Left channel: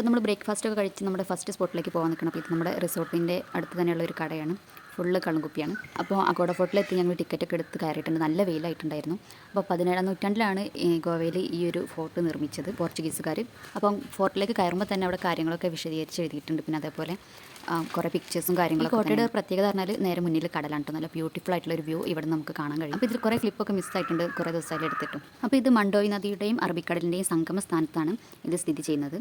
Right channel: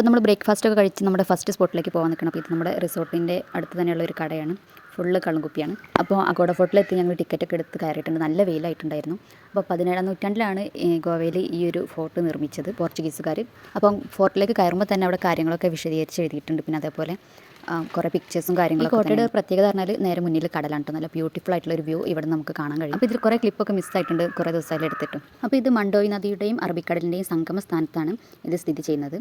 അപ്പോൾ നമ്മൾ ബ്രേക്ക്ഫാസ്റ്റ് ഒക്കെ കഴിച്ച് നമ്മുടെ ഫസ്റ്റ് സ്പോട്ടിലേക്ക് പോകാൻ നിൽക്കണം. അപ്പോൾ ഇത് നമ്മുടെ റിസോർട്ടിൻ്റെ അടുത്ത് തന്നെയുള്ള ഒരു കടയാണ്. ഫുള്ള് കള്ളുകുപ്പിയാണ്. അപ്പോൾ അഗോഡ ഫോർട്ടിലെത്തി ഞങ്ങൾ ടിക്കറ്റൊക്കെ എടുത്ത് കയറിയിട്ടുണ്ട്. നല്ല വെയിലായിട്ടുണ്ടായിരുന്നു. അപ്പോൾ 17-ാം നൂറ്റാണ്ടിലാണ് ഗോവയിൽ ഈ ഒരു ഫോർട്ട് നിർമ്മിച്ചത് പോർച്ചുഗീസുകാർ. അപ്പം ഫോർട്ടിലേക്ക് കയറുമ്പോൾ തന്നെ അവിടെ കാര്യങ്ങളൊക്കെ വിശദീകരിച്ച് എഴുതിയിട്ടുണ്ട്. പിന്നെ അതേപോലെ കുറേ പിക്ചേഴ്സും കാര്യങ്ങളൊക്കെ. കോട്ടയുടെ പ്രത്യേകത പറഞ്ഞാൽ നേരെ മുന്നിൽ കടലാണ് കേട്ടോ. നല്ല ബ്യൂട്ടിഫുൾ ആയിട്ടുള്ള ഒരു വ്യൂ ഇവിടെ നമുക്ക് കാണാൻ കഴിയും. അപ്പോൾ ഇതിൽ കുറേ ക്ലിപ്പൊക്കെ മിസ്സായിട്ടുണ്ട് കുറേ ദിവസമായിട്ട് എടുത്തിട്ടും. അപ്പോൾ ഇത് മണ്ടോയ് നദിയുടെയും അറബിക്കടലിൻ്റെയും സംഗമ സ്ഥാനത്താണ് ഇത് സ്ഥിതി ചെയ്യുന്നത്.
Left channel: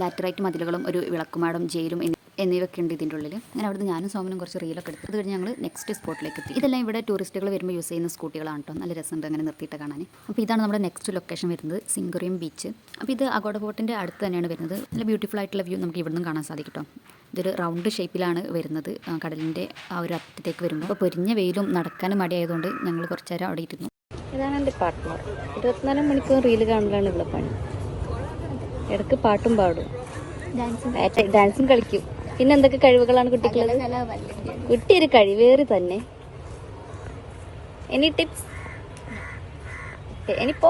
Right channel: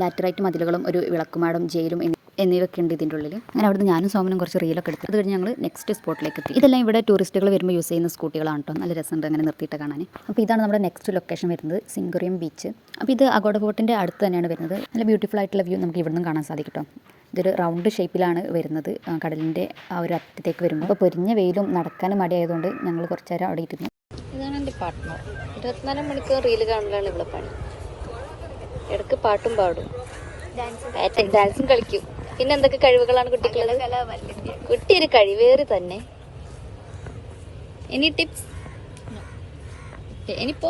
ലാറ്ററൈറ്റ് മതിലുകളും ഒരു വിളക്കുമാടും ജയിലും എന്നിവയൊക്കെ ഉണ്ട് ഇതിൻ്റെ ഉള്ളിൽ. അങ്ങനെ അവിടുന്ന് ഞാനും സോമനും കുറച്ച് റീലൊക്കെ എടുത്തു. അത് കഴിഞ്ഞ് ഞങ്ങൾ നെക്സ്റ്റ് സ്പോട്ടിലേക്ക് എത്തി. ഇതെല്ലാം ഇവിടെ ടൂറിസ്റ്റുകൾ വരുമ്പോൾ യൂസ് ചെയ്യുന്ന സ്കൂട്ടികളാണ് കേട്ടോ. നല്ല രസമുണ്ട് അങ്ങനെ നിർത്തിയിട്ട് കാണാൻ. അപ്പോൾ ഇതാണ് നമ്മുടെ നെക്സ്റ്റ് ലൊക്കേഷൻ വരുന്നത്, സിംഗറിയം ബീച്ച്. അപ്പോൾ ഇത് അഗോഡ ഫോർട്ടിൻ്റെ അടുത്ത് തന്നെയാണ് വരുന്നത്. നല്ല ബ്യൂട്ടിഫുൾ ആയിട്ടുള്ള വ്യൂ നമുക്ക് ഇവിടെ നിന്നും കാണാൻ സാധിക്കും കേട്ടോ. ഇതൊരു റൗണ്ട് ഷേപ്പിലാണ് വരുന്നത് കടലിൻ്റെ ആ ഒരു അറ്റത്തേക്ക് വരുമ്പോൾ. അപ്പോൾ പൊരിഞ്ഞ വെയിലും നടക്കാനും മടിയായതുകൊണ്ട് ഞങ്ങൾ കുറച്ച് നേരം അവിടെ ഇരുന്നു. ഇതാണ് എൻ്റെ പാട്ട്. 24 മണിക്കൂർ റീല് കാണുമ്പോഴാണ് ഇടയ്ക്ക് പാട്ടും പാടും, ഡാൻസും കളിക്കും. പിന്നെ എന്തൊക്കെ കഴിവുകളാണ് കുട്ടിയൊരു കഴിവേറി തന്നെ. എനി ടിപ്സ്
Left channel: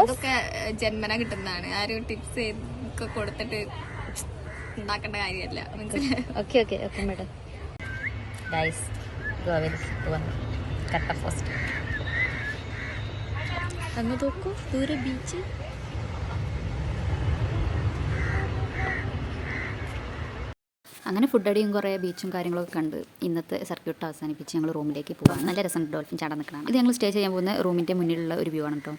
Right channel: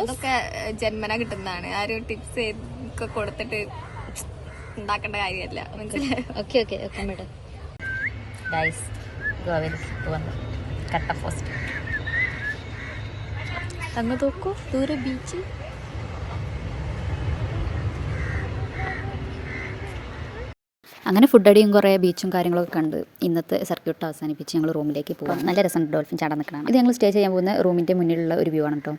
അതൊക്കെ ജന്മന കിട്ടുന്നതാണ്. ആരും ടിപ്സ് ഒക്കെ കൊടുത്തിട്ട് ഉണ്ടാക്കേണ്ട കാര്യമല്ല. Okay okay okay madam. Guys ഗോവയിൽ വന്നു കട്ട പോസ്റ്റ്. അന്ന് നോക്കൂ ദൂരെ ബീച്ച്. അങ്ങനെ ഫുഡ് അടിയും കുറേ ബീച്ചും കാര്യങ്ങളൊക്കെ കണ്ട് ഇന്നത്തെ സർക്യൂട്ട് അവസാനിപ്പിച്ച് ഞങ്ങൾ റൂമിലേക്ക് പോകാം. നല്ല രസമുണ്ട് ഡോൾഫിൻ ചാടാൻ നിൽക്കണം. ഇത് ഞങ്ങൾ സ്റ്റേ ചെയ്യാൻ പോകുന്ന റൂമിൻ്റെ മുന്നിലുള്ള ഒരു വ്യൂ ആണ് കേട്ടോ.